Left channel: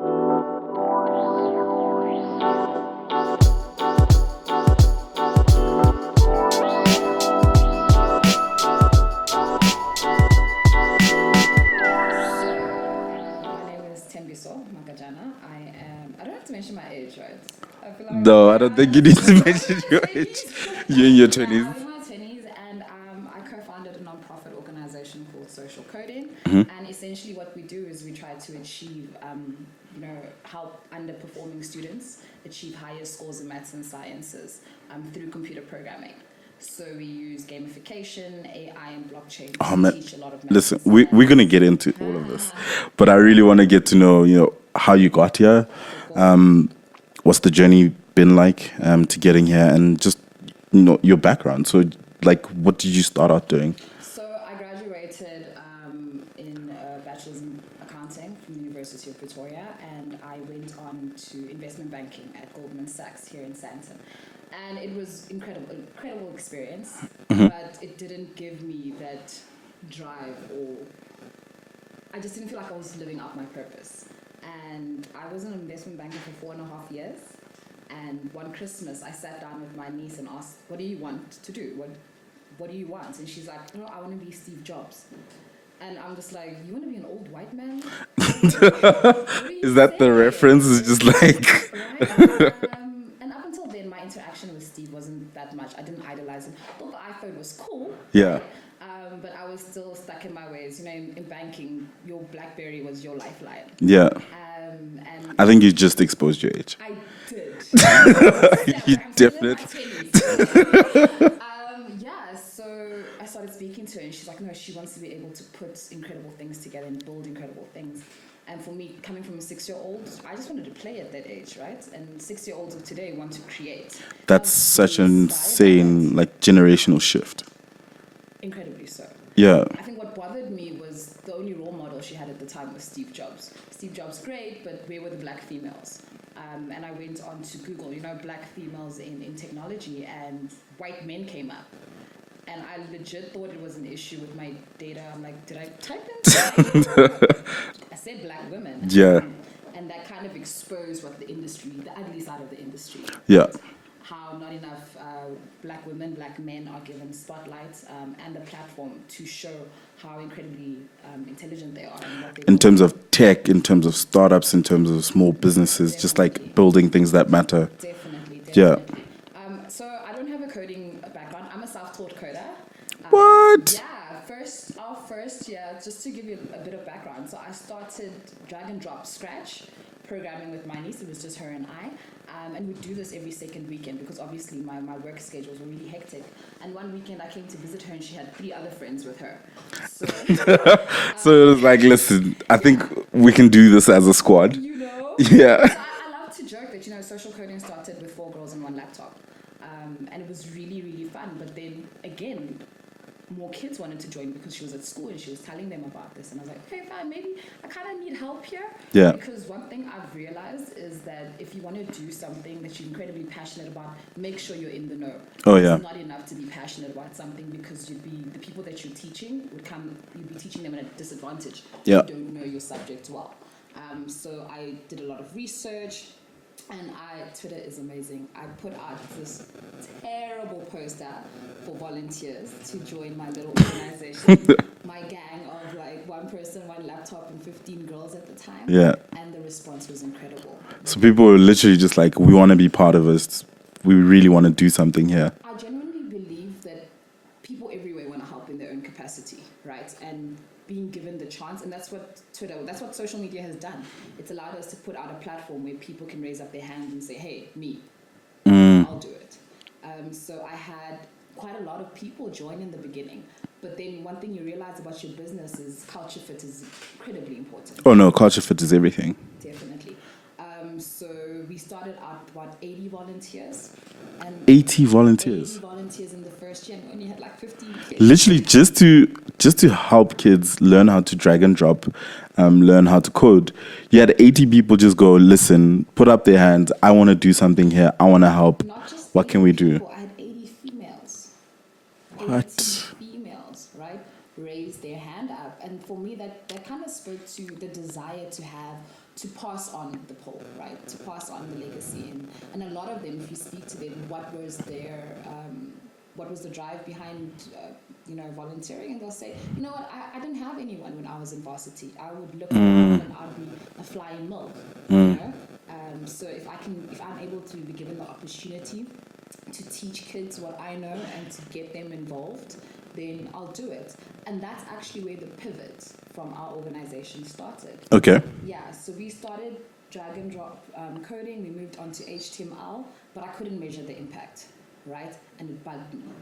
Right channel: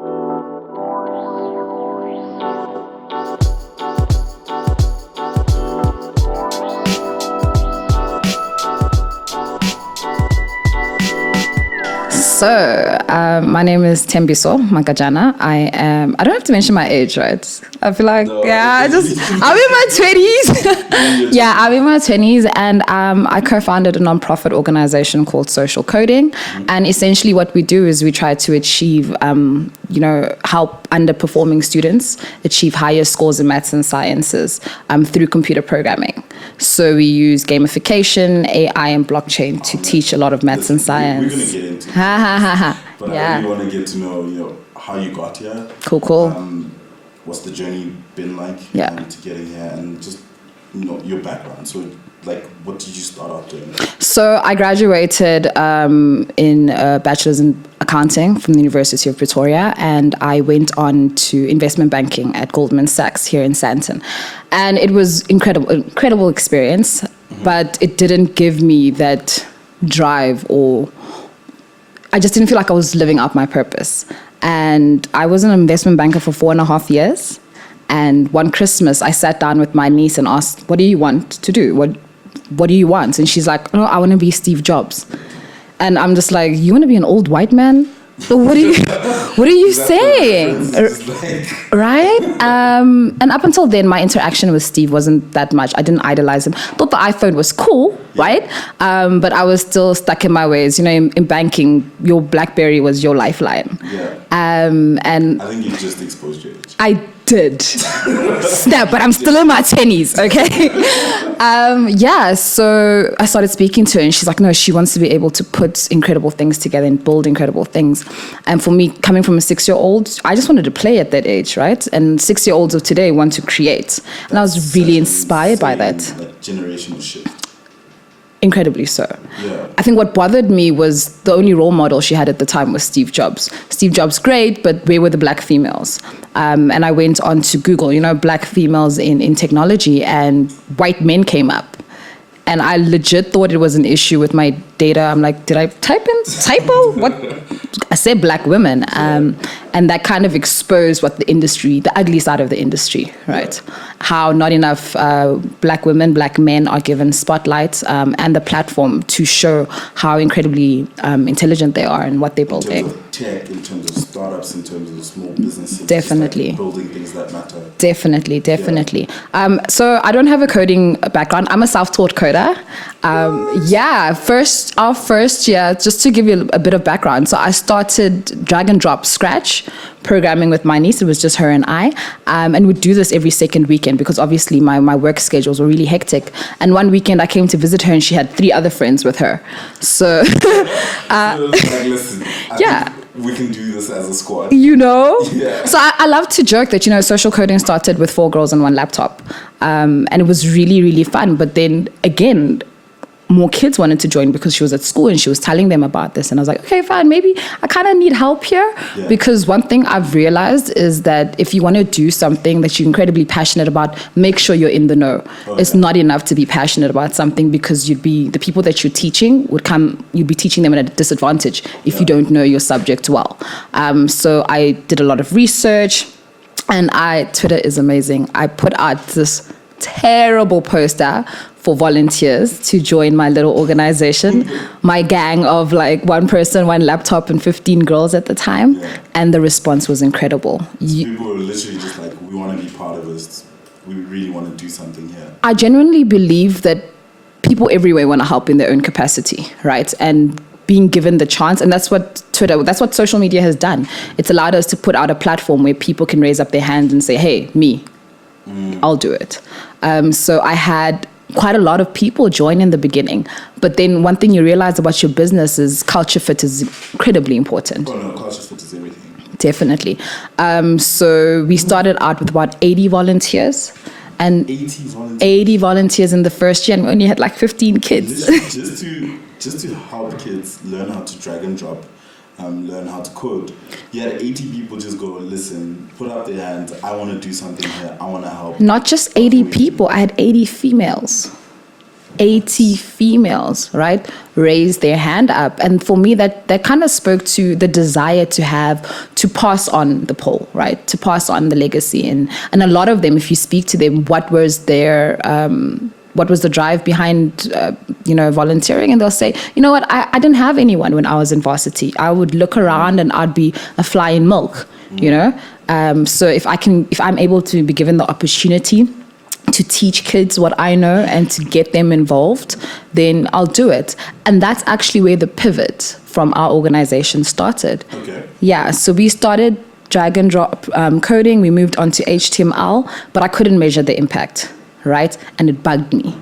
So, my name is Thembiso Magajana. I don't have to mention my age, right? I feel like, No, I'm in my 20s. Yeah, I'm in my 20s. And I co-founded a nonprofit organization called Social Coding. Mm-hmm. And essentially what we do is we try to achieve, help underperforming students achieve higher scores in maths and sciences through computer programming. So we use gamification, AI, and blockchain to teach a lot of maths and science. We're going to get into it. But I really want to get to know, how you got here. Cool. What's the journey been like to getting here, and just, your background. So, what did you start out doing? So I graduated in a bachelor's in accounting from the University of Pretoria, and I went on to investment banking at Goldman Sachs here in Sandton. And it was incredible experience, but it didn't give me that drive, or I just didn't feel like I was living up my purpose. And I was an investment banker for 4.5 years. And one Christmas, I sat down with my niece and asked, what do you want to do? What do you want? And she's like, I want to be Steve Jobs. And I'm just like, you want to be an old white man? What are you saying? Right? And up until then, my interaction with Steve wasn't that much. I didn't idolize him. Thought the iPhone was cool, right? But I was still stuck in my ways. In banking, your BlackBerry was your lifeline. Yeah. And I think you just exposed your age. I did. Snap, but I'm still in my 20s, okay? So I started speaking to her, and she's like, no, she wants to be able to put incredible things together and build incredible things. And for me, coming from a 6-year-old, I just wanted to play at that age, right? And 6-year-olds of today want to create. And I was really inspired by that. Generational shift. Incredibly so. Yeah. I think what bothered me was the only role model she had at the time was Steve Jobs. Steve Jobs, great, but where were the black females? And I went on to Google, black females in technology, and white men came up. And I legit thought it was an issue with my data. I'm like, did I typo? What? I said black women. And that kind of exposed the ugly side of the industry, right? Yeah. How not enough black women, black men are given spotlights and the platform to show how incredibly intelligent they are and what they're building. In terms of tech, in terms of startups, in terms of small businesses. Definitely. Just building things that matter. Definitely. Yeah. So I don't have a coding background. I'm a self-taught coder. Our first year, just to give you a bit of background. So I started drag and drop Scratch programming with my niece. It was just her and I, and we'd do this every second weekend because obviously my work schedules were really hectic. And one weekend I came to visit her, and she had 3 other friends with her. So, so it was like, listen, I think we can do this as a squad. Yeah. So I love to joke that social coding started with 4 girls and 1 laptop, and it was really, really fun. But then again, more kids wanted to join because she was at school and she was telling them about this. And I was like, okay, fine, maybe I kind of need help here. Yeah. Because one thing I've realized is that if you want to do something that you're incredibly passionate about, make sure you're in the know. It's not enough to be passionate about something, because the people that you're teaching you'd be teaching them at a disadvantage if you don't know your subject well. So I did a lot of research, and Twitter is amazing. I put out this terrible poster for volunteers to join my little organization, my gang of 1 person, 1 laptop, and 15 girls at the time. Yeah. And the response was incredible. So people were literally just like, we want to be part of this. We really want to do something here. I genuinely believe that people everywhere want to help in their own capacity, right? And being given the chance, and that's what social media has done. It's allowed us to put out a platform where people can raise up their hand and say, hey, me, I'll do it. So I had quite a lot of people join in the beginning. But then one thing you realize about your business is culture fit is incredibly important. Oh no, culture fit is everything. Definitely. So we started out with about 80 volunteers. And 80 volunteers? 80 volunteers in the first year, and we only had 15 kids. Literally just to help kids learn how to drag and drop, learn how to code. You had 80 people just go, listen, put up their hands. I want to do something here. I want to help. Not just 80 people. I had 80 females. 80 females, right, raised their hand up. And for me, that kind of spoke to the desire to pass on the pole, right, to pass on the legacy. And a lot of them, if you speak to them, what was the drive behind, volunteering? And they'll say, you know what, I didn't have anyone when I was in varsity. I would look around and I'd be a fly in milk, So if I'm able to be given the opportunity to teach kids what I know and to get them involved, then I'll do it. And that's actually where the pivot from our organization started. Okay. Yeah, so we started drag and drop coding. We moved on to HTML, but I couldn't measure the impact, right? And it bugged me.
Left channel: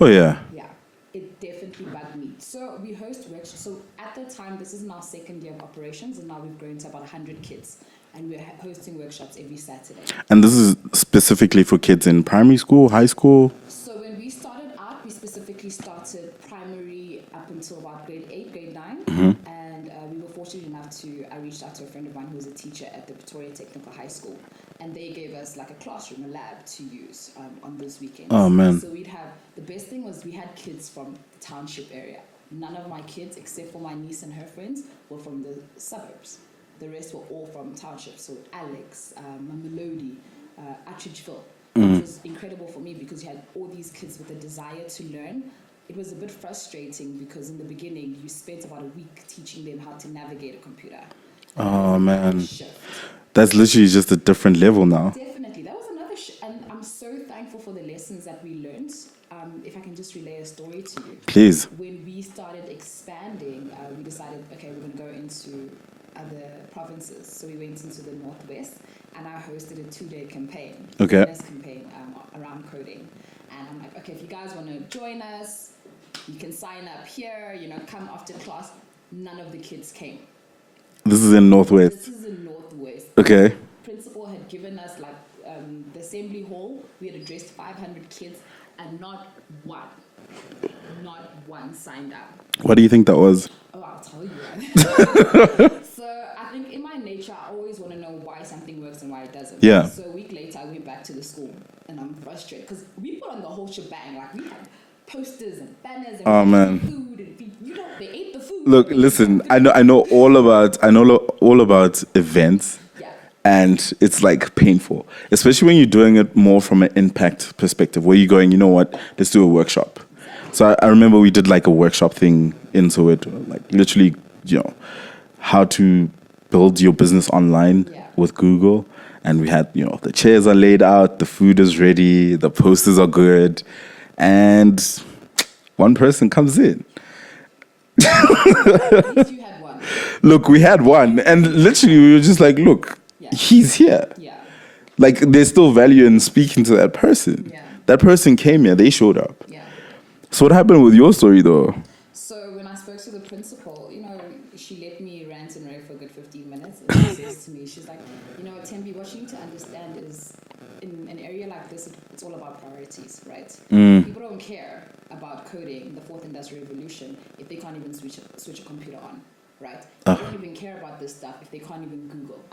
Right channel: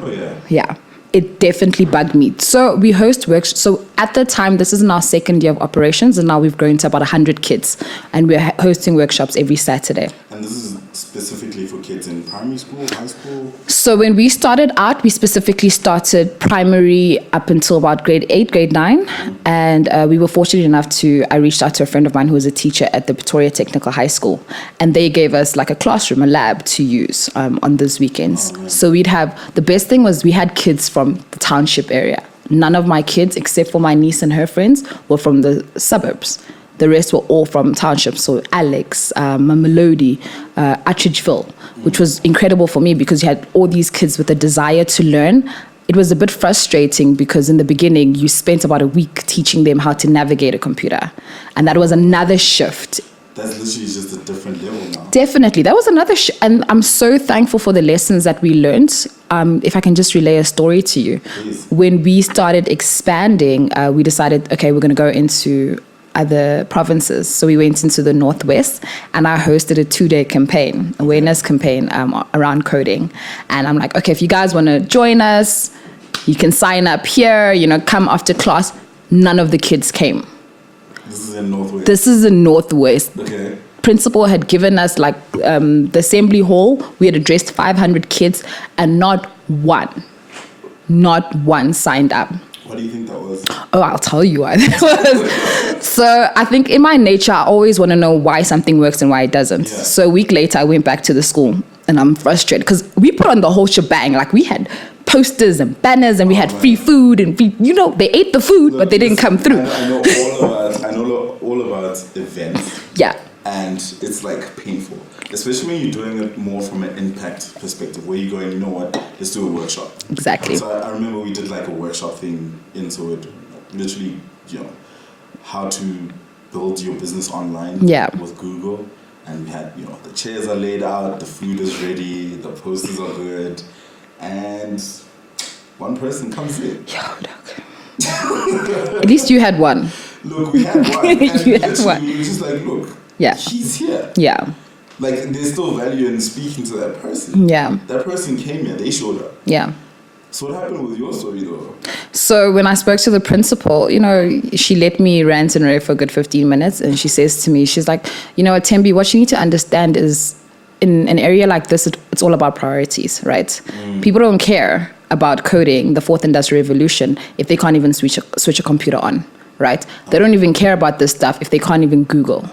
Oh, yeah. Yeah. It definitely bugged me. So we host workshops. So at the time, this is in our second year of operations, and now we've grown to about 100 kids, and we're hosting workshops every Saturday. And this is specifically for kids in primary school, high school? So when we started out, we specifically started primary up until about grade 8, grade 9. And we were fortunate enough I reached out to a friend of mine who was a teacher at the Pretoria Technical High School. And they gave us like a classroom, a lab to use on those weekends. Oh, man. So the best thing was we had kids from the township area. None of my kids, except for my niece and her friends, were from the suburbs. The rest were all from townships. So Alex, Mamelodi, Atteridgeville, which was incredible for me because you had all these kids with a desire to learn. It was a bit frustrating because in the beginning, you spent about a week teaching them how to navigate a computer. And that was another shift. That's literally just a different level now. Definitely. That was another and I'm so thankful for the lessons that we learned. If I can just relay a story to you. Please. When we started expanding, we decided, okay, we're going to go into other provinces. So we went into the Northwest, and I hosted a 2-day campaign, awareness campaign around coding. And I'm like, okay, if you guys want to join us, you can sign up here, come after class. None of the kids came. This is in Northwest. Okay. Principal had given us the assembly hall. We had addressed 500 kids and not one signed up. What do you think that was? Oh, I'll tell you why that was. So I think in my nature, I always want to know why something works and why it doesn't. Yeah. So a week later, I went back to the school and I'm frustrated because we put on the whole shebang. We had posters and banners and we had free food and they ate the food. Look, but they didn't come through. I know all about events. Yeah. And it's painful, especially when you're doing it more from an impact perspective, where you're going, you know what, let's do a workshop. Exactly. So I remember we did a workshop thing in Soweto, literally, how to build your business online with Google. And we had, the chairs are laid out, the food is ready, the posters are good. And one person comes in. At least you had one. Look, we had one. And literally we were just look, he's here. Yeah. There's still value in speaking to that person. Yeah. That person came here, they showed up. Yeah. So what happened with your story though? So when I spoke to the principal, she let me rant and rave for a good 15 minutes. And she says to me, she's like, Thembi, what you need to understand is in an area like this, it's all about priorities, right? People don't care about coding, the fourth industrial revolution, if they can't even switch a computer on, right? They don't even care about this stuff if they can't even Google.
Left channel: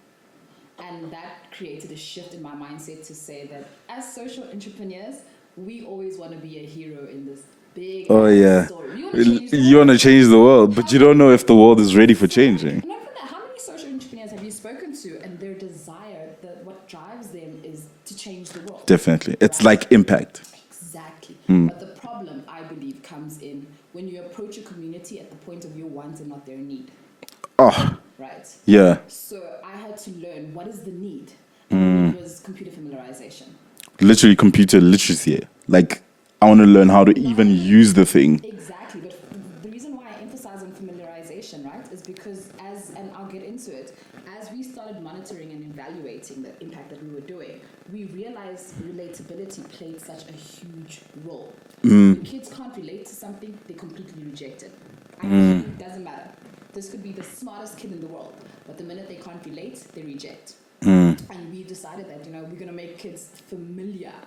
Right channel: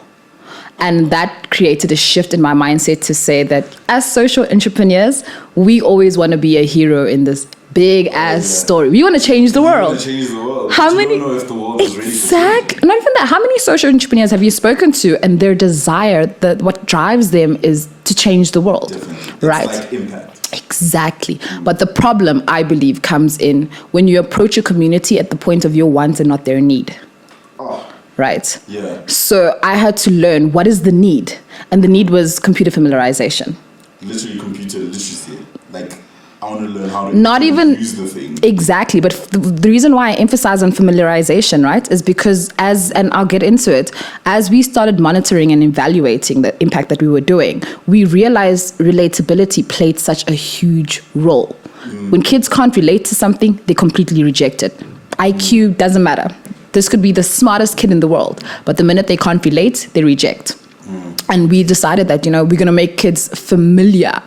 And that created a shift in my mindset to say that as social entrepreneurs, we always want to be a hero in this big story. We want to change the world. You want to change the world, but you don't know if the world is ready for changing. Not even that. How many social entrepreneurs have you spoken to and their desire, what drives them is to change the world? Definitely. It's impact. Exactly. But the problem, I believe, comes in when you approach a community at the point of your wants and not their need. Oh. Right? Yeah. So I had to learn what is the need. And the need was computer familiarization. Literally computer literacy. I want to learn how to even use the thing. Exactly. But the reason why I emphasize on familiarization, right, is because and I'll get into it, as we started monitoring and evaluating the impact that we were doing, we realized relatability played such a huge role. When kids can't relate to something, they completely reject it. IQ doesn't matter. This could be the smartest kid in the world, but the minute they can't relate, they reject. And we decided that, we're going to make kids familiar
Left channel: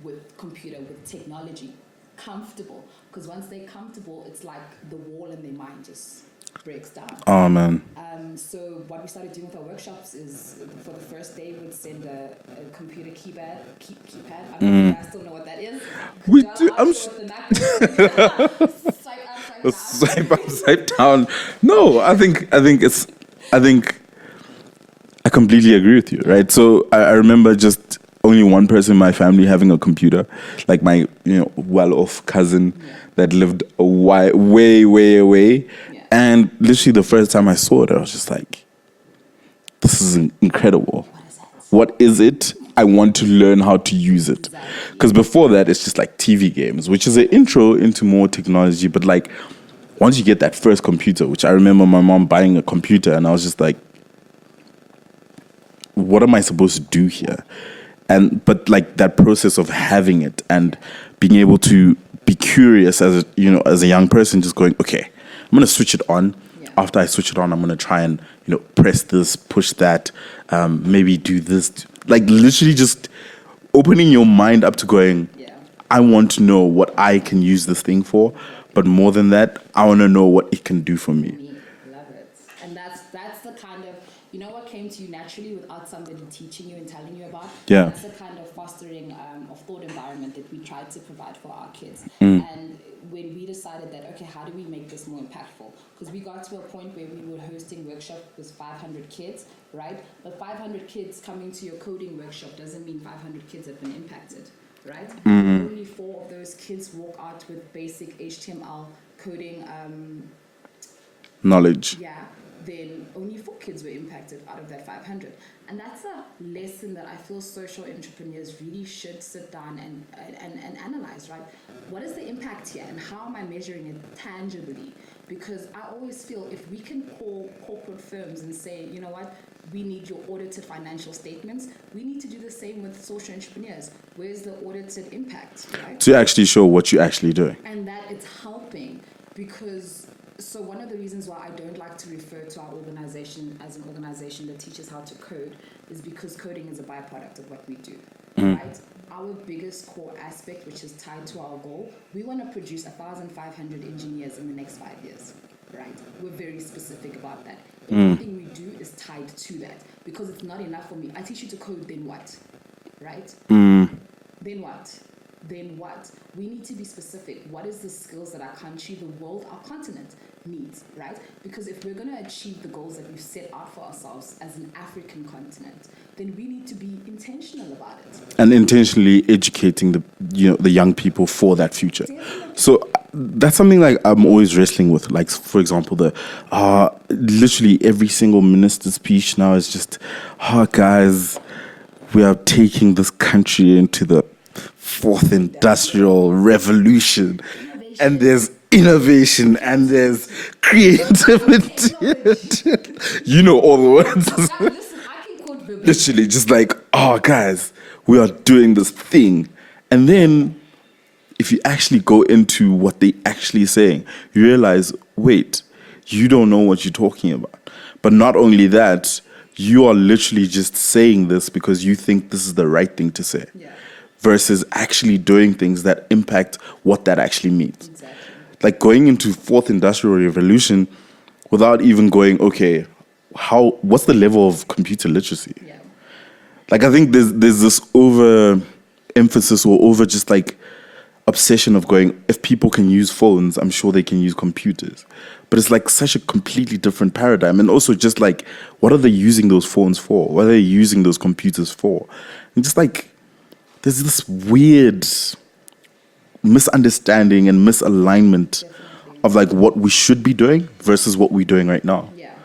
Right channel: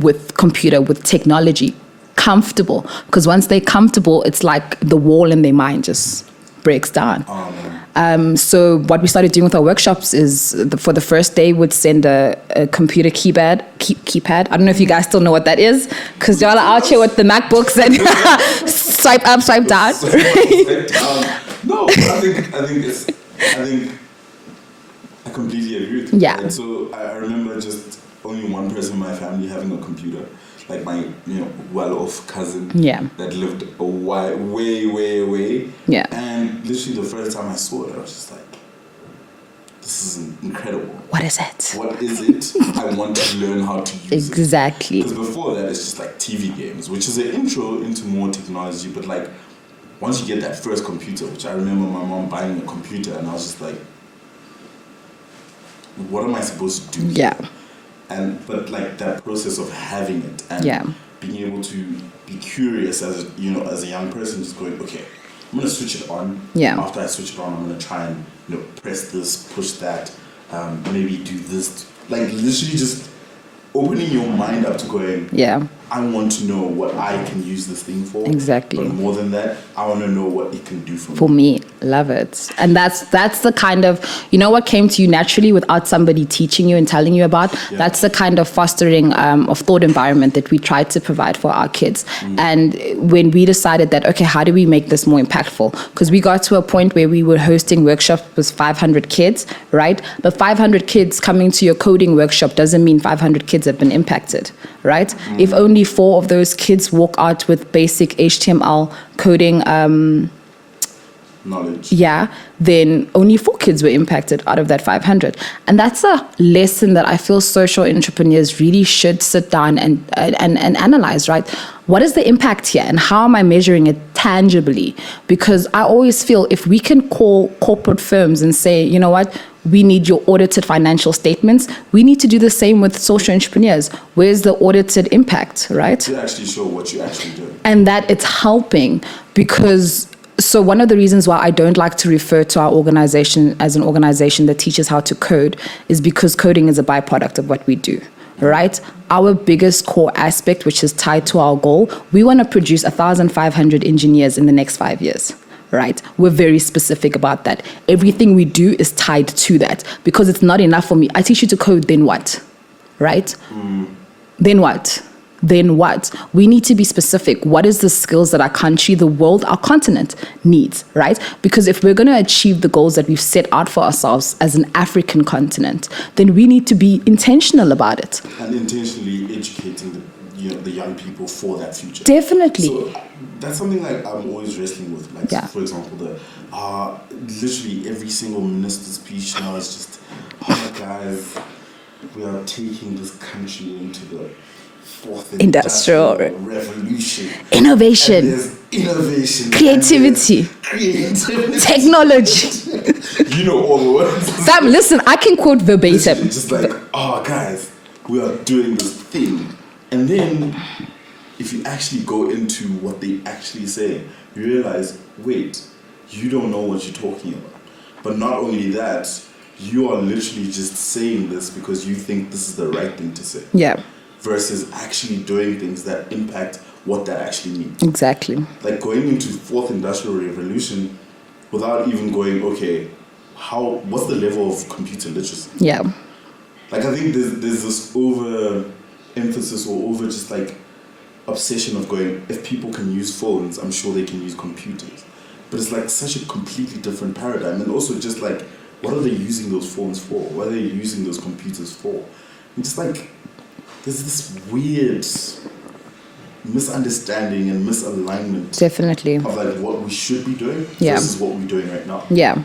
with computer, with technology, comfortable. Because once they're comfortable, it's like the wall in their mind just breaks down. Oh, man. So what we started doing with our workshops is for the first day, we'd send a computer keypad. I don't know if you guys still know what that is, because y'all are out here with the MacBooks and swipe up, swipe down. Swipe down. No, I think I completely agree with you. Yeah. Right. So I remember just only one person in my family having a computer, like my well-off cousin that lived way away. Yeah. And literally the first time I saw it, I was just like, this is incredible. What is it? What is it? I want to learn how to use it. Exactly. Because before that, it's just like TV games, which is an intro into more technology. But like, once you get that first computer, which I remember my mom buying a computer, and I was just like, what am I supposed to do here? But like that process of having it and being able to be curious as a young person, just going, okay, I'm going to switch it on. Yeah. After I switch it on, I'm going to try and press this, push that, maybe do this. Like literally just opening your mind up to going, I want to know what I can use this thing for. Exactly. But more than that, I want to know what it can do for me. For me, love it. And that's the kind of, what came to you naturally without somebody teaching you and telling you about. Yeah. That's the kind of fostering of thought environment that we try to provide for our kids. And when we decided that, okay, how do we make this more impactful? Because we got to a point where we were hosting workshops with 500 kids, right? But 500 kids coming to your coding workshop doesn't mean 500 kids have been impacted, right? If only 4 of those kids walk out with basic HTML coding knowledge, then only 4 kids were impacted out of that 500. And that's a lesson that I feel social entrepreneurs really should sit down and analyze, right? What is the impact here and how am I measuring it tangibly? Because I always feel if we can call corporate firms and say, you know what, we need your audited financial statements. We need to do the same with social entrepreneurs. Where's the audited impact, right? To actually show what you're actually doing. And that it's helping because... So one of the reasons why I don't like to refer to our organization as an organization that teaches how to code is because coding is a byproduct of what we do, right? Our biggest core aspect, which is tied to our goal, we want to produce 1,500 engineers in the next 5 years. Right? We're very specific about that. Everything we do is tied to that because it's not enough for me. I teach you to code, then what? Right? Then what? Then what? We need to be specific. What is the skills that our country, the world, our continent needs, right? Because if we're going to achieve the goals that we've set out for ourselves as an African continent, then we need to be intentional about it. And intentionally educating the young people for that future. Definitely. So that's something like I'm always wrestling with. Like, for example, literally every single minister's speech now is just, guys, we are taking this country into the 4th industrial revolution. Innovation. And there's innovation. Creativity. Technology. All the words. Sam, listen, I can quote verbatim. Literally, just like, guys, we are doing this thing. And then if you actually go into what they actually say, you realize, wait, you don't know what you're talking about. But not only that, you are literally just saying this because you think this is the right thing to say. Yeah. Versus actually doing things that impact what that actually means. Exactly. Like going into 4th industrial revolution without even going, okay, what's the level of computer literacy? Yeah. Like I think there's this over emphasis or over just like obsession of going, if people can use phones, I'm sure they can use computers. But it's like such a completely different paradigm. And also just like, what are they using those phones for? What are they using those computers for? And just like, there's this weird misunderstanding and misalignment. Definitely. Of like what we should be doing versus what we're doing right now. Yeah.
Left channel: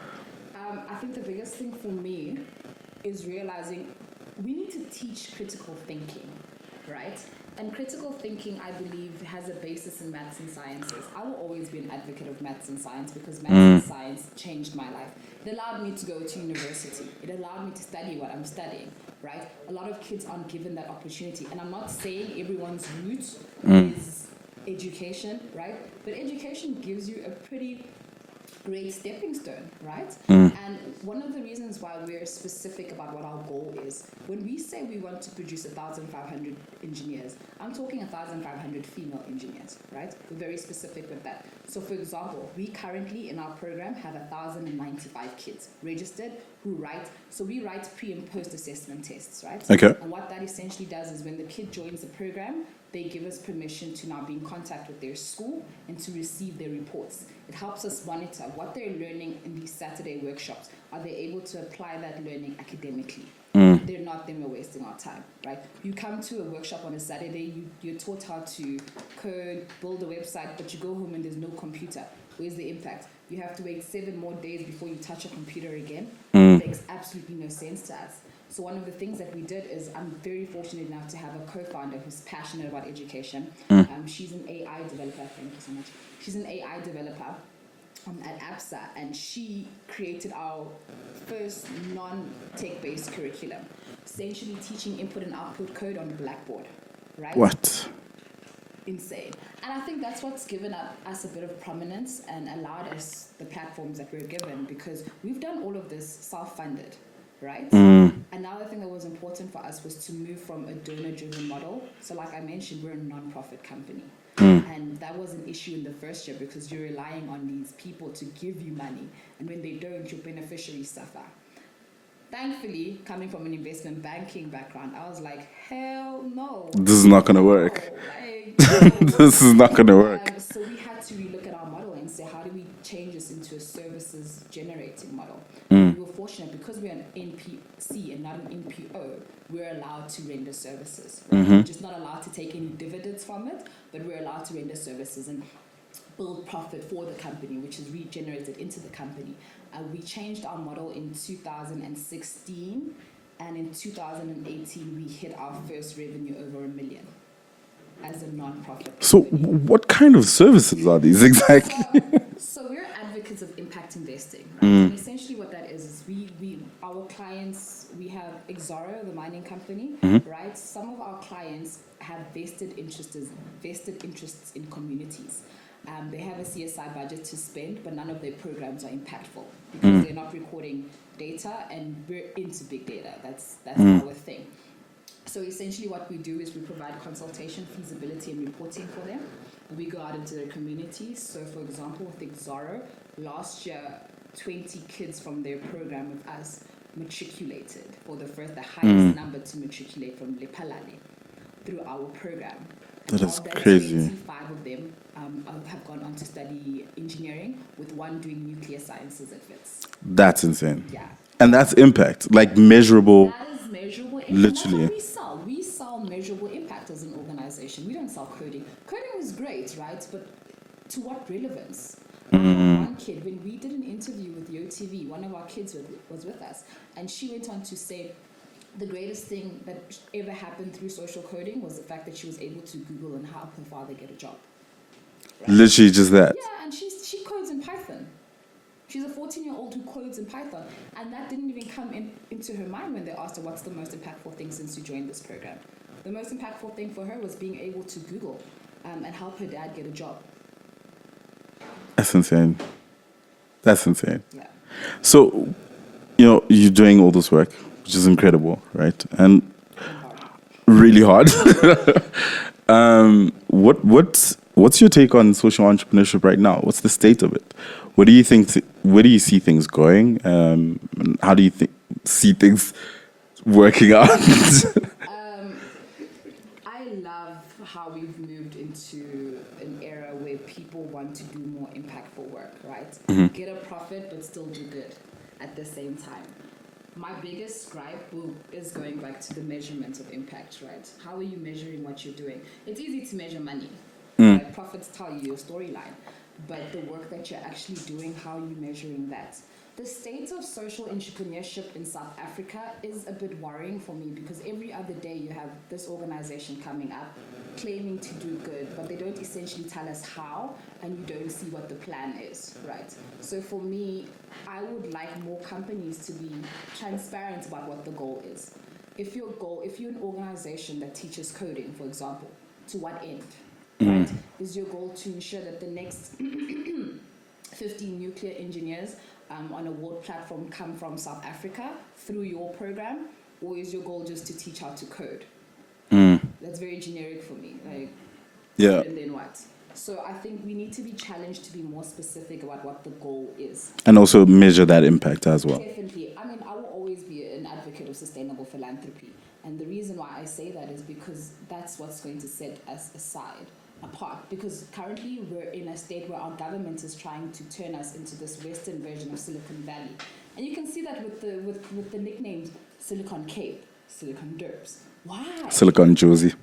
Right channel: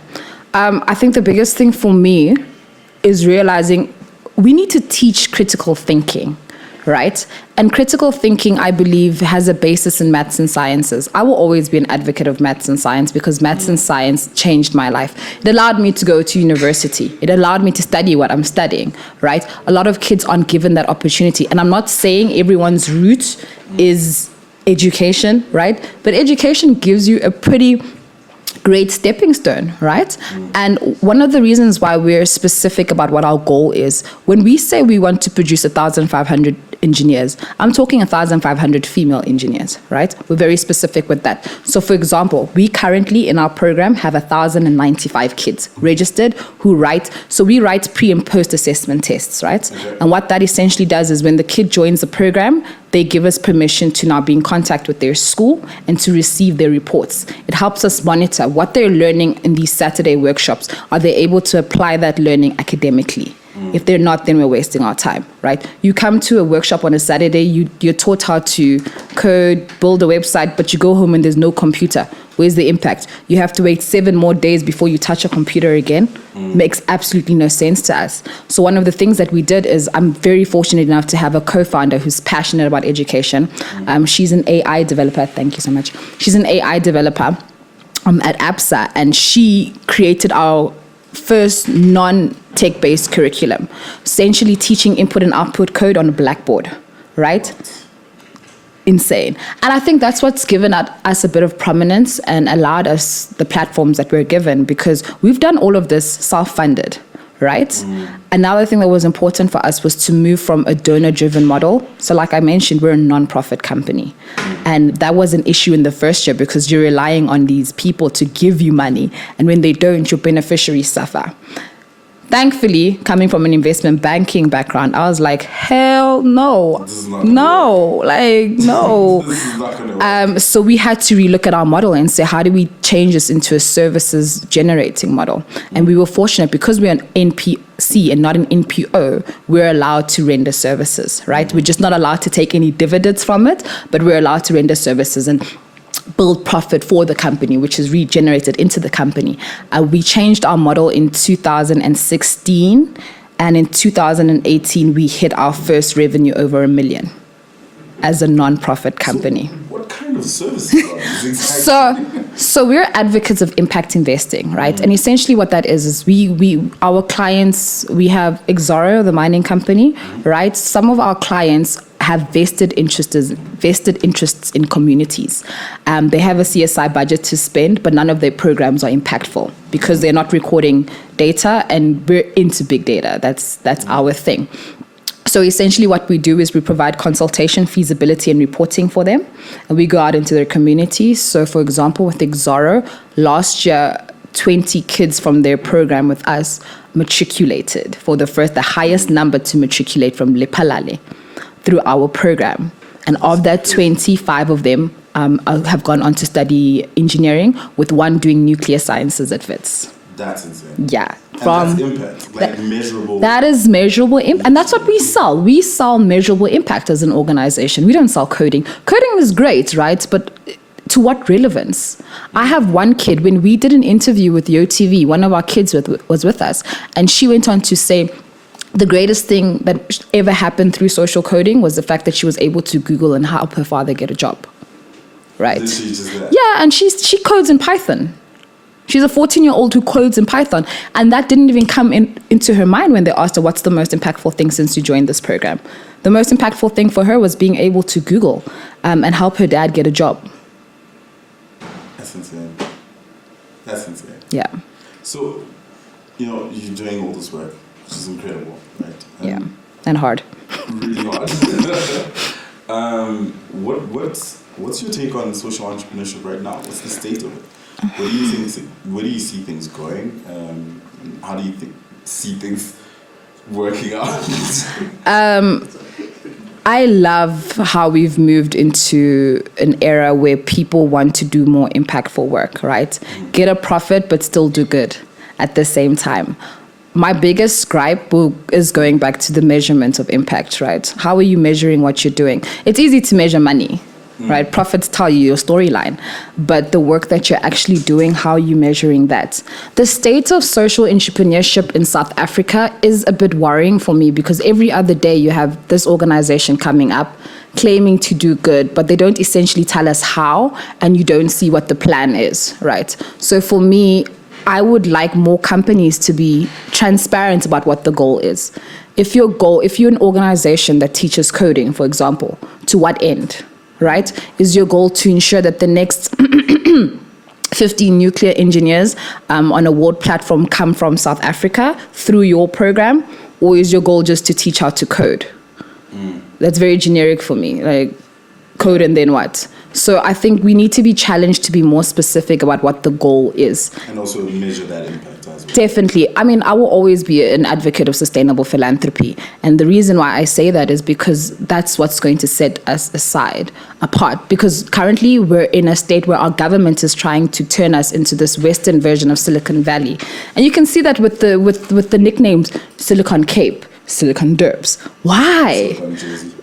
I think the biggest thing for me is realizing we need to teach critical thinking, right? And critical thinking, I believe, has a basis in maths and sciences. I will always be an advocate of maths and science because maths and science changed my life. It allowed me to go to university. It allowed me to study what I'm studying, right? A lot of kids aren't given that opportunity. And I'm not saying everyone's route is education, right? But education gives you a pretty great stepping stone, right? And one of the reasons why we're specific about what our goal is, when we say we want to produce 1,500 engineers. I'm talking 1,500 female engineers, right? We're very specific with that. So for example, we currently in our program have 1,095 kids registered who write. So we write pre and post assessment tests, right? Okay. And what that essentially does is when the kid joins the program, they give us permission to now be in contact with their school and to receive their reports. It helps us monitor what they're learning in these Saturday workshops. Are they able to apply that learning academically? If they're not, then we're wasting our time, right? You come to a workshop on a Saturday, you're taught how to code, build a website, but you go home and there's no computer. Where's the impact? You have to wait 7 more days before you touch a computer again. Makes absolutely no sense to us. So one of the things that we did is I'm very fortunate enough to have a co-founder who's passionate about education. She's an AI developer. Thank you so much. She's an AI developer at APSA, and she created our first non-tech-based curriculum, essentially teaching input and output code on a blackboard, right? What? Insane. And I think that's what's given us a bit of prominence and allowed us the platforms that we're given, because we've done all of this self-funded, right? Another thing that was important for us was to move from a donor-driven model. So like I mentioned, we're a non-profit company. And that was an issue in the first year because you're relying on these people to give you money. And when they don't, your beneficiaries suffer. Thankfully, coming from an investment banking background, I was like, hell no. This is not going to work. No. This is not going to work. So we had to relook at our model and say, how do we change this into a services generating model? And we were fortunate because we're an NPC and not an NPO, we're allowed to render services, right? We're just not allowed to take any dividends from it, but we're allowed to render services and build profit for the company, which is regenerated into the company. We changed our model in 2016, and in 2018, we hit our first revenue over $1 million as a non-profit company. So what kind of services are these exactly? So we're advocates of impact investing, right? And essentially what that is our clients, we have Exoro, the mining company, right? Some of our clients have vested interests in communities. They have a CSI budget to spend, but none of their programs are impactful because they're not recording data, and we're into big data. That's our thing. So essentially what we do is we provide consultation, feasibility, and reporting for them. And we go out into their communities. So for example, with Exoro, last year, 20 kids from their program with us matriculated for the highest number to matriculate from Lephalale through our program. And That's of that, crazy. 25 of them have gone on to study engineering, with one doing nuclear sciences at Wits. That's insane. Yeah. And that's impact, measurable. That is measurable impact. And that's what we sell. We sell measurable impact as an organization. We don't sell coding. Coding is great, right? But to what relevance? I have one kid, when we did an interview with YoTV, one of our kids was with us, and she went on to say, the greatest thing that ever happened through social coding was the fact that she was able to Google and help her father get a job. Right? Literally just that. Yeah, and she codes in Python. She's a 14-year-old who codes in Python. And that didn't even come into her mind when they asked her, what's the most impactful thing since you joined this program? The most impactful thing for her was being able to Google and help her dad get a job. That's insane. That's insane. Yeah. So, you're doing all this work, which is incredible, right? And hard. Really hard. What's your take on social entrepreneurship right now? What's the state of it? What do you think? Where do you see things going? How do you see things working out? I love how we've moved into an era where people want to do more impactful work, right? Get a profit, but still do good at the same time. My biggest gripe is going back to the measurement of impact, right? How are you measuring what you're doing? It's easy to measure money, right? Profits tell you your storyline, but the work that you're actually doing, how are you measuring that? The state of social entrepreneurship in South Africa is a bit worrying for me, because every other day you have this organization coming up claiming to do good, but they don't essentially tell us how, and you don't see what the plan is, right? So for me, I would like more companies to be transparent about what the goal is. If you're an organization that teaches coding, for example, to what end, right? Is your goal to ensure that the next 50 nuclear engineers on a world platform come from South Africa through your program? Or is your goal just to teach how to code? That's very generic for me. Like code and then what? So I think we need to be challenged to be more specific about what the goal is. And also measure that impact as well. Definitely. I mean, I will always be an advocate of sustainable philanthropy. And the reason why I say that is because that's what's going to set us apart. Because currently we're in a state where our government is trying to turn us into this Western version of Silicon Valley. And you can see that with the nicknames Silicon Cape, Silicon Derbs. Why? Silicon Jersey.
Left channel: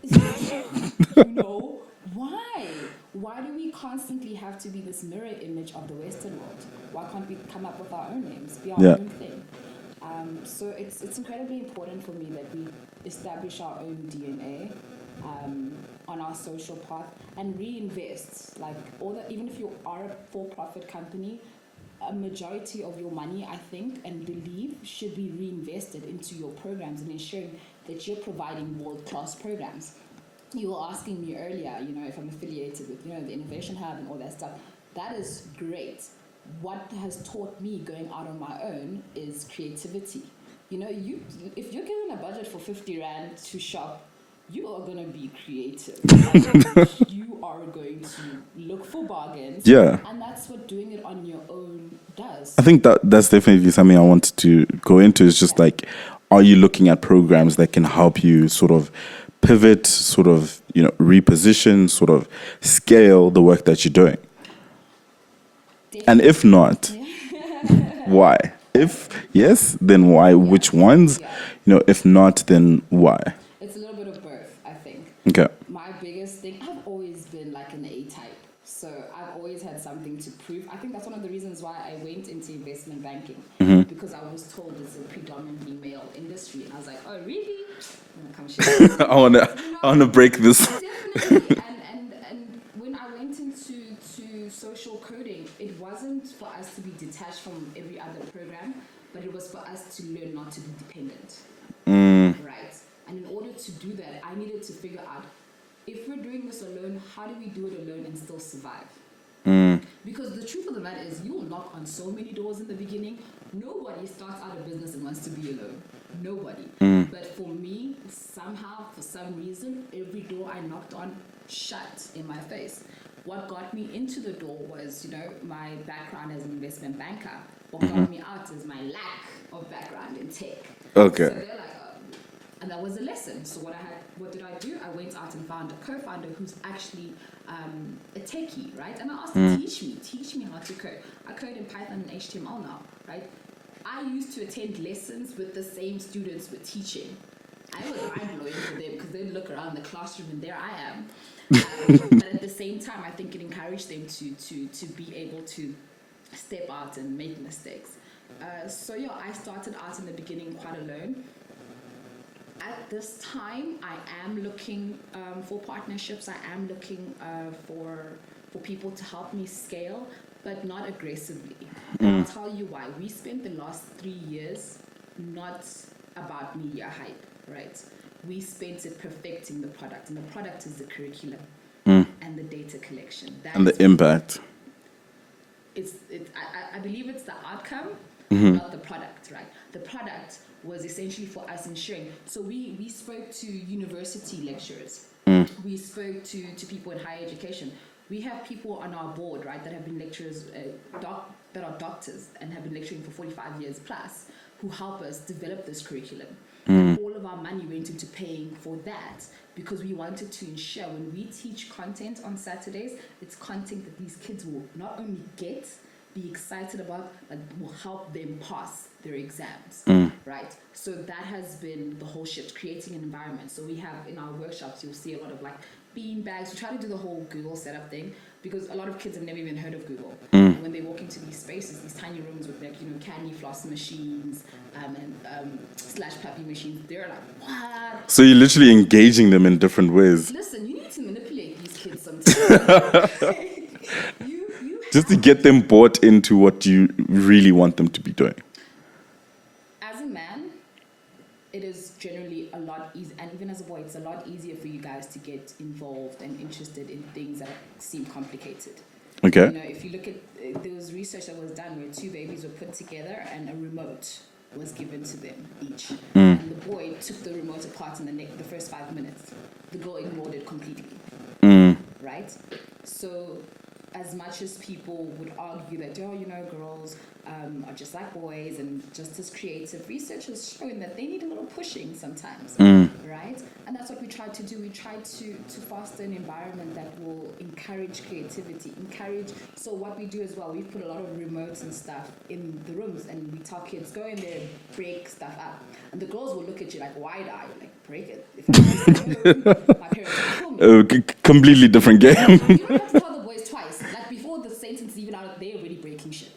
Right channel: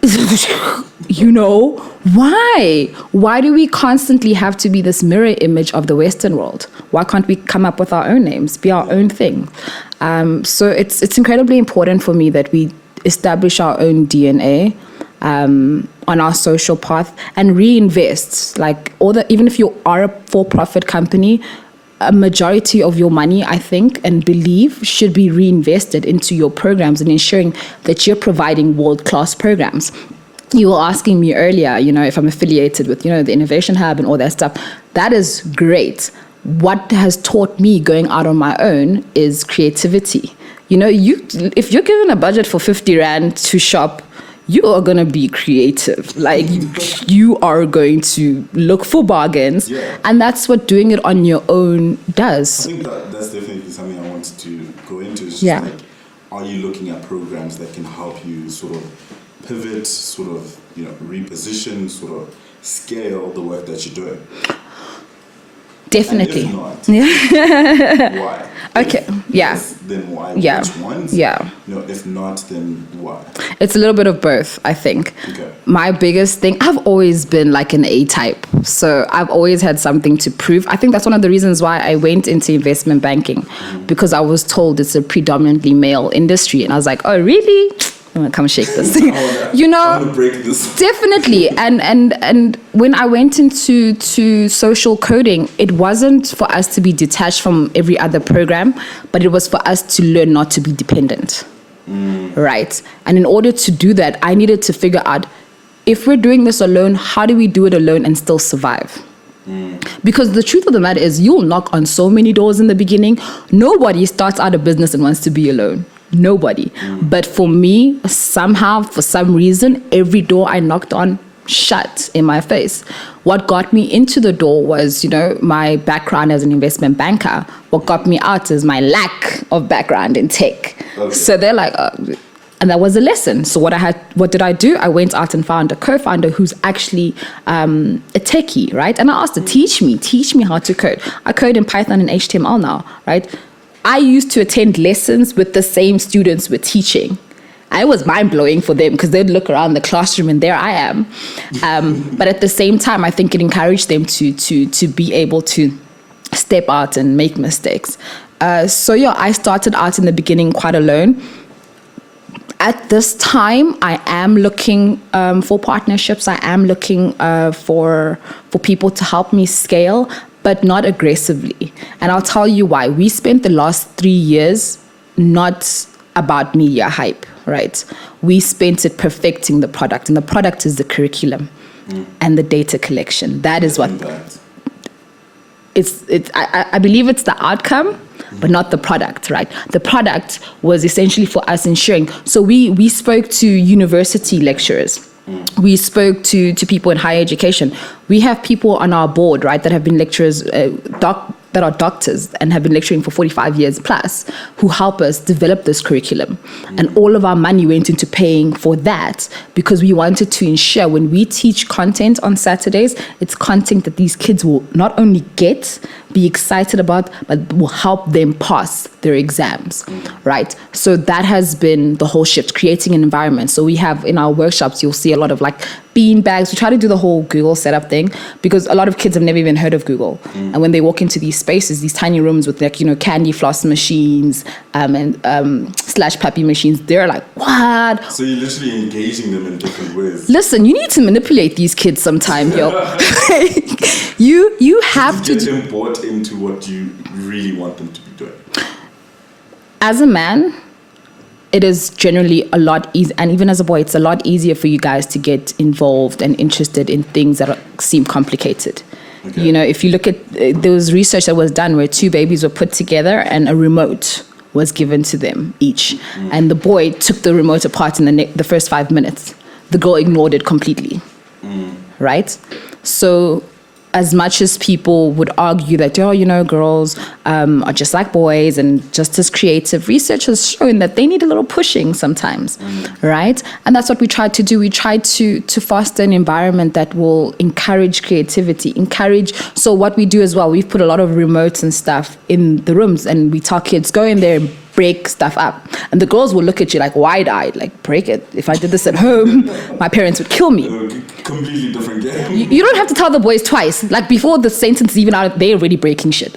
Why? Why do we constantly have to be this mirror image of the Western world? Why can't we come up with our own names, be our own thing? So it's incredibly important for me that we establish our own DNA on our social path and reinvest. Like even if you are a for-profit company, a majority of your money, I think, and believe should be reinvested into your programs and ensuring that you're providing world-class programs. You were asking me earlier, if I'm affiliated with, the Innovation Hub and all that stuff. That is great. What has taught me going out on my own is creativity. If you're given a budget for 50 Rand to shop, you are going to be creative. Like you are going to look for bargains. Yeah. And that's what doing it on your own does. I think that's definitely something I wanted to go into. Is just like, are you looking at programs that can help you sort of pivot, sort of, reposition, sort of scale the work that you're doing? Definitely. And if not, why? Okay. Yes, then why? Yeah. Which ones? Yeah. If not, then why? It's a little bit of both, I think. Okay. My biggest thing, I've always been like an A-type. So I've always had something to prove. I think that's one of the reasons why I went into investment banking, because I was told it's a predominantly male industry. And I was like, oh, really? I'm gonna come shake this. I want to break this. Definitely. And when I went into social coding, it wasn't for us to be detached from every other program, but it was for us to learn not to be dependent. Right. And in order to do that, I needed to figure out, if we're doing this alone, how do we do it alone and still survive? Because the truth of the matter is, you'll knock on so many doors in the beginning. Nobody starts out a business and wants to be alone. Nobody. But for me, somehow, for some reason, every door I knocked on shut in my face. What got me into the door was, my background as an investment banker. What got me out is my lack of background in tech. Okay. So they're like, and that was a lesson. So what did I do? I went out and found a co-founder who's actually a techie, right? And I asked her, teach me how to code. I code in Python and HTML now, right? I used to attend lessons with the same students we're teaching. And it was mind-blowing for them because they'd look around the classroom and there I am. But at the same time, I think it encouraged them to be able to step out and make mistakes. I started out in the beginning quite alone. At this time, I am looking for partnerships. I am looking for people to help me scale, but not aggressively. And I'll tell you why. We spent the last 3 years not about media hype, right? We spent it perfecting the product, and the product is the curriculum and the data collection. That is what impact. I believe it's the outcome, but not the product, right? The product was essentially for us ensuring. So we spoke to university lecturers. We spoke to people in higher education. We have people on our board, right, that have been lecturers, that are doctors and have been lecturing for 45 years plus, who help us develop this curriculum. And all of our money went into paying for that because we wanted to ensure when we teach content on Saturdays, it's content that these kids will not only be excited about, but will help them pass their exams, right? So that has been the whole shift, creating an environment. So we have in our workshops, you'll see a lot of like bean bags. We try to do the whole Google setup thing because a lot of kids have never even heard of Google. And when they walk into these spaces, these tiny rooms with like, candy floss machines and slash puppy machines, they're like, what? So you're literally engaging them in different ways. Listen, you need to manipulate these kids sometime, yo. You have to get them bought into what you really want them to be doing. As a man, it is generally a lot easier, and even as a boy, it's a lot easier for you guys to get involved and interested in things that seem complicated. Okay. If you look at, there was research that was done where two babies were put together and a remote was given to them each. And the boy took the remote apart in the first 5 minutes. The girl ignored it completely. Right? So as much as people would argue that, girls are just like boys and just as creative, research has shown that they need a little pushing sometimes, right? And that's what we try to do. We try to foster an environment that will encourage creativity, So what we do as well, we've put a lot of remotes and stuff in the rooms, and we tell kids, go in there and break stuff up. And the girls will look at you like wide-eyed, like, break it. If I did this at home, my parents would kill me. Completely different game. You don't have to tell the boys twice. Like, before the sentence is even out, they're already breaking shit.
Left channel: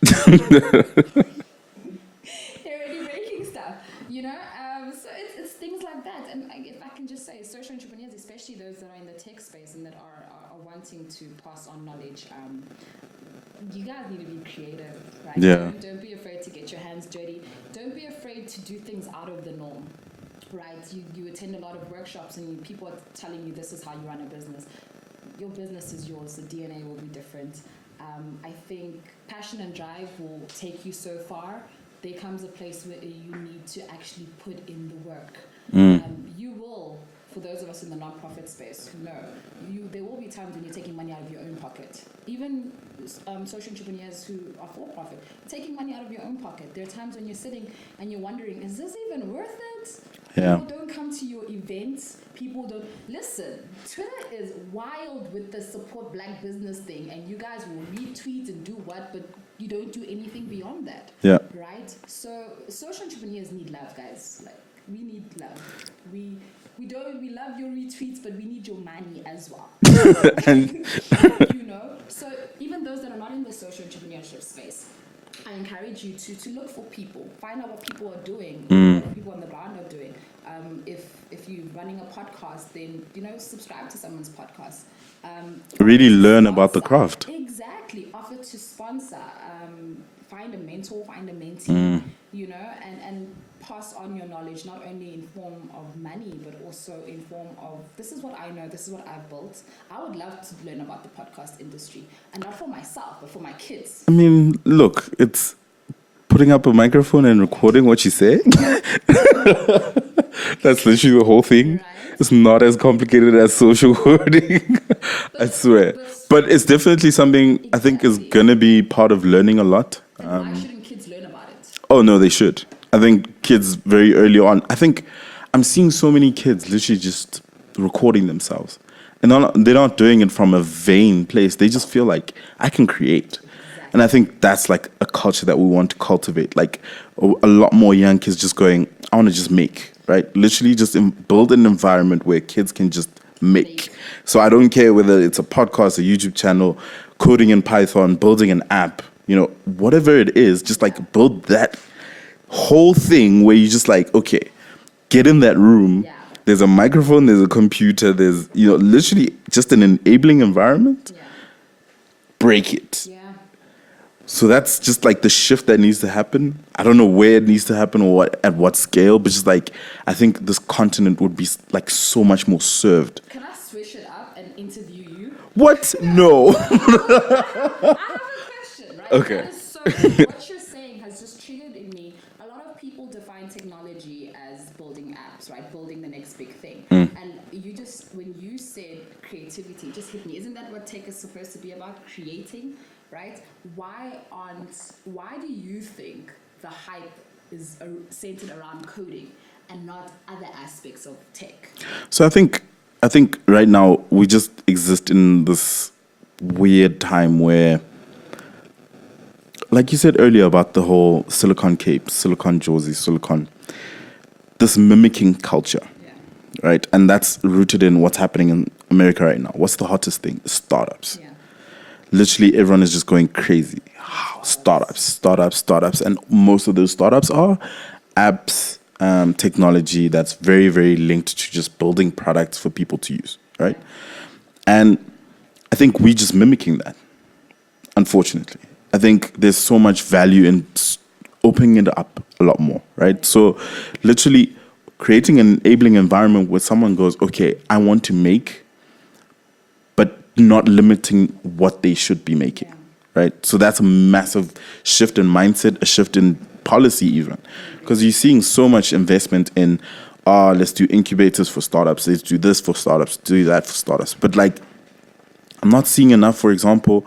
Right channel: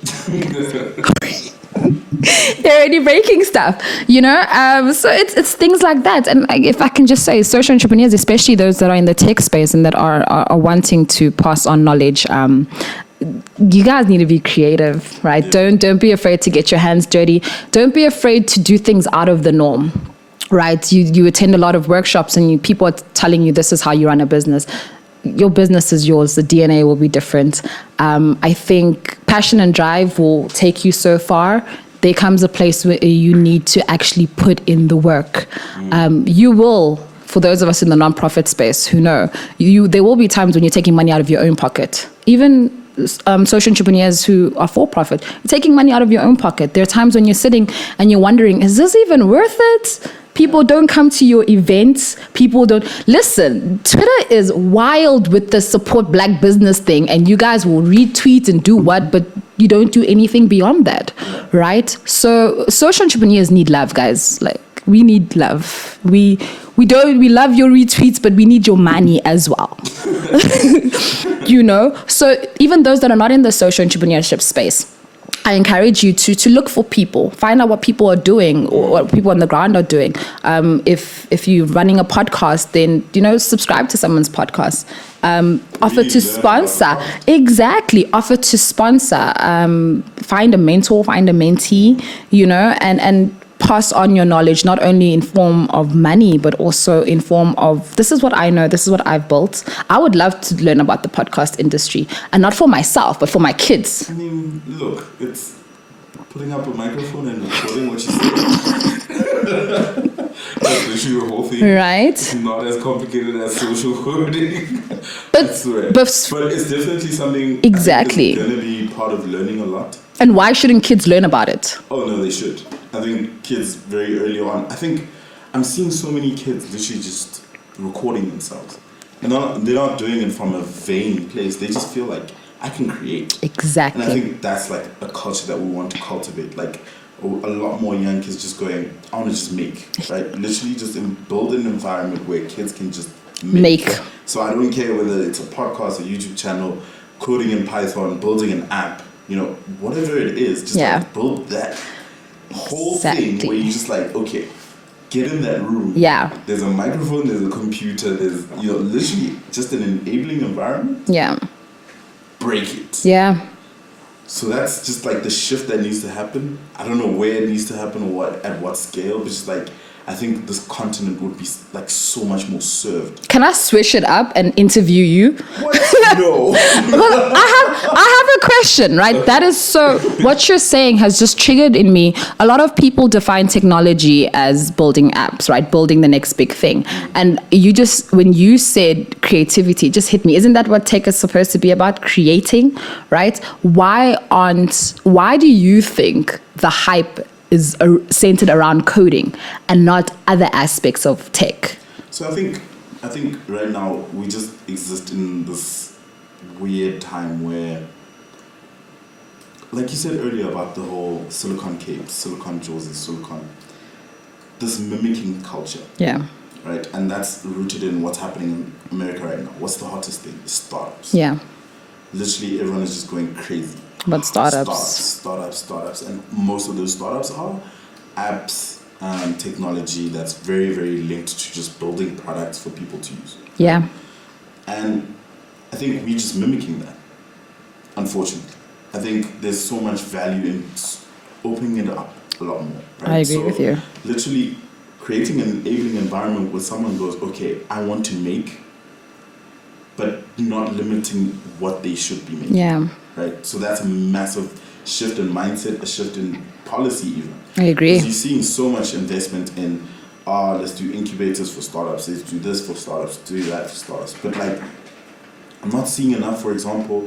They're already breaking stuff, So it's things like that. And if I can just say, social entrepreneurs, especially those that are in the tech space and that are wanting to pass on knowledge, you guys need to be creative, right? Yeah. Don't be afraid to get your hands dirty. Don't be afraid to do things out of the norm, right? You attend a lot of workshops and people are telling you this is how you run a business. Your business is yours. The DNA will be different. I think passion and drive will take you so far. There comes a place where you need to actually put in the work. You will. For those of us in the nonprofit space who know, there will be times when you're taking money out of your own pocket. Even social entrepreneurs who are for profit, you're taking money out of your own pocket. There are times when you're sitting and you're wondering, is this even worth it? People don't come to your events. People don't listen. Twitter is wild with the support black business thing, and you guys will retweet and do what, but you don't do anything beyond that, right? So social entrepreneurs need love, guys. Like, we need love. We love your retweets, but we need your money as well. So even those that are not in the social entrepreneurship space, I encourage you to look for people, find out what people are doing or what people on the ground are doing. If you're running a podcast, then, subscribe to someone's podcast. Offer to sponsor. Exactly. Offer to sponsor. Find a mentor, find a mentee, and pass on your knowledge, not only in form of money, but also in form of, this is what I know, this is what I've built. I would love to learn about the podcast industry, and not for myself, but for my kids. I mean, look, it's putting up a microphone and recording what you say. That's literally the whole thing. Right. It's not as complicated as social coding. I swear. But it's definitely something I think is going to be part of learning a lot. And why shouldn't kids learn about it? Oh, no, they should. I think kids very early on, I think I'm seeing so many kids literally just recording themselves. And they're not doing it from a vain place. They just feel like, I can create. Exactly. And I think that's like a culture that we want to cultivate. Like a lot more young kids just going, I want to just make, right? Literally just build an environment where kids can just make. So I don't care whether it's a podcast, a YouTube channel, coding in Python, building an app, whatever it is, just like build that whole thing where you just like, okay, get in that room. Yeah. There's a microphone, there's a computer, there's, literally just an enabling environment. Yeah. Break it. Yeah. So that's just like the shift that needs to happen. I don't know where it needs to happen or at what scale, but just like, I think this continent would be like so much more served. Can I switch it up and interview you? What? No. Well, I have a question, right? Okay. That is so, what you're saying has just triggered in me. A lot of people define technology as building apps, right? Building the next big thing. And when you said creativity, it just hit me. Isn't that what tech is supposed to be about? Creating, right? Why do you think the hype is centered around coding and not other aspects of tech? So I think right now we just exist in this weird time where, like you said earlier about the whole Silicon Cape, Silicon Jersey, this mimicking culture. Yeah. Right? And that's rooted in what's happening in America right now. What's the hottest thing? Startups. Yeah. Literally everyone is just going crazy. But Startups. And most of those startups are apps, technology that's very, very linked to just building products for people to use. Right? Yeah. And I think we're just mimicking that, unfortunately. I think there's so much value in opening it up a lot more, right? I agree with you. Literally creating an enabling environment where someone goes, okay, I want to make, but not limiting what they should be making. Yeah. Right? So that's a massive shift in mindset, a shift in policy even. I agree. Because you're seeing so much investment in, let's do incubators for startups, let's do this for startups, do that for startups. But like, I'm not seeing enough, for example,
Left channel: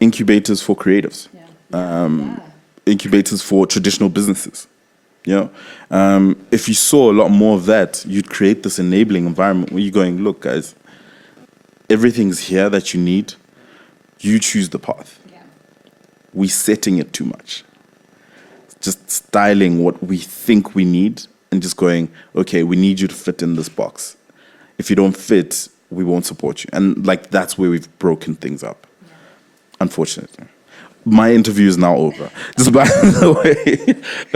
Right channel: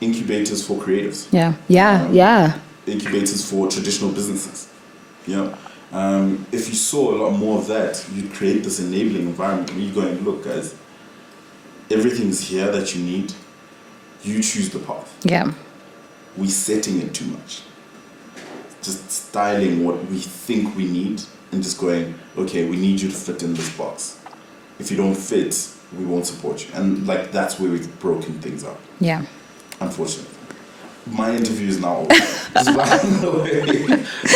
incubators for creatives. Yeah. Incubators for traditional businesses. If you saw a lot more of that, you'd create this enabling environment where you're going, look, guys, everything's here that you need. You choose the path. Yeah. We're setting it too much. Just styling what we think we need and just going, okay, we need you to fit in this box. If you don't fit, we won't support you. And like, that's where we've broken things up. Yeah. Unfortunately. My interview is now over. Just by the way.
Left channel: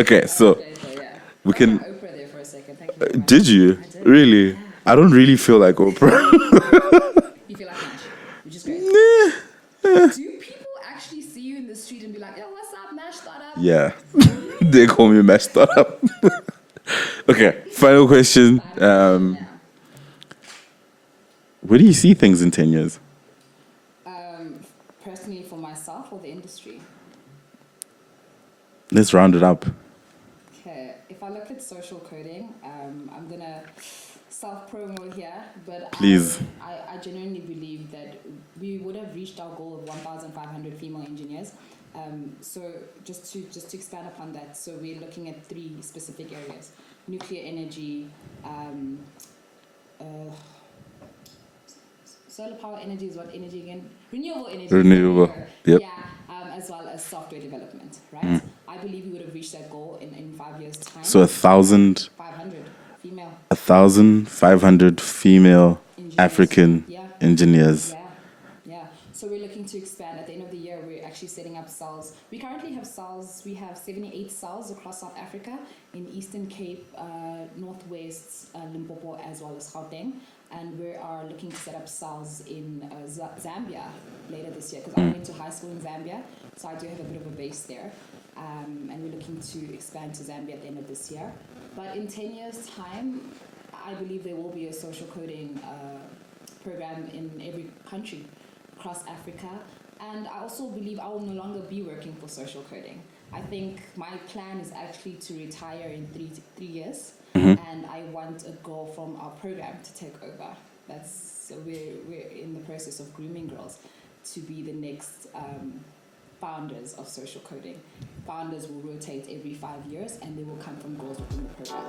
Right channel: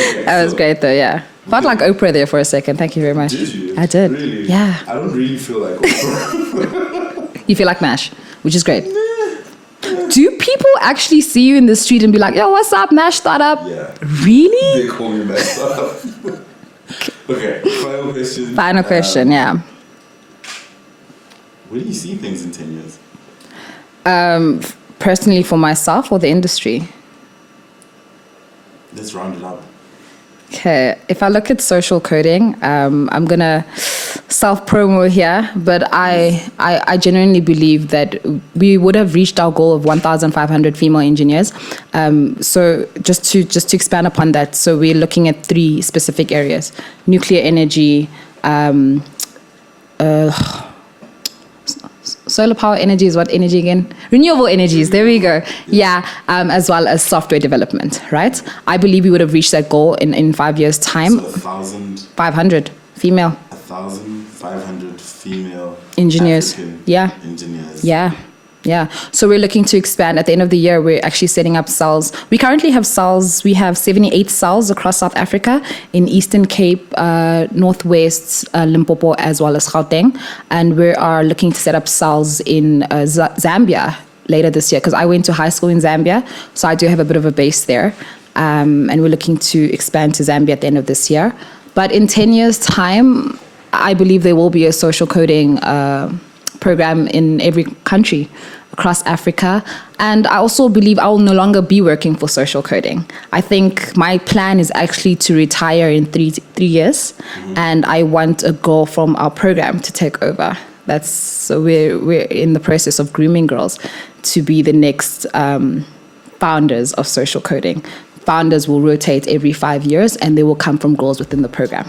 Okay. That was great though, yeah. Felt like Oprah there for a second. Thank you very much. Did you? I did. Really? Yeah. I don't really feel like Oprah. You feel like Mash, which is great. Do people actually see you in the street and be like, yo, what's up, Mash Startup? Yeah. Really? They call me Mash Startup. Okay, final question. Yeah. Where do you see things in 10 years? Personally for myself or the industry? Let's round it up. Okay, if I look at social coding, I'm going to self-promo here, but I genuinely believe that we would have reached our goal of 1,500 female engineers. So just to expand upon that, so we're looking at 3 specific areas: nuclear energy, solar power energy is what energy again? Renewable energies. There we go. Yes. Yeah, as well as software development, right? I believe we would have reached that goal in 5 years' time. So 1,500 female. 1,500 female engineers. African engineers. Yeah. So we're looking to expand. At the end of the year, we're actually setting up cells. We currently have cells. We have 78 cells across South Africa, in Eastern Cape, Northwest, Limpopo, as well as Gauteng. And we are looking to set up cells in Zambia later this year, because I went to high school in Zambia. So I do have a bit of a base there. And we're looking to expand to Zambia at the end of this year. But in 10 years' time, I believe there will be a social coding program in every country across Africa. And I also believe I will no longer be working for social coding. I think my plan is actually to retire in three years, and I want a girl from our program to take over. So we're in the process of grooming girls to be the next founders of social coding. Founders will rotate every 5 years, and they will come from girls within the program.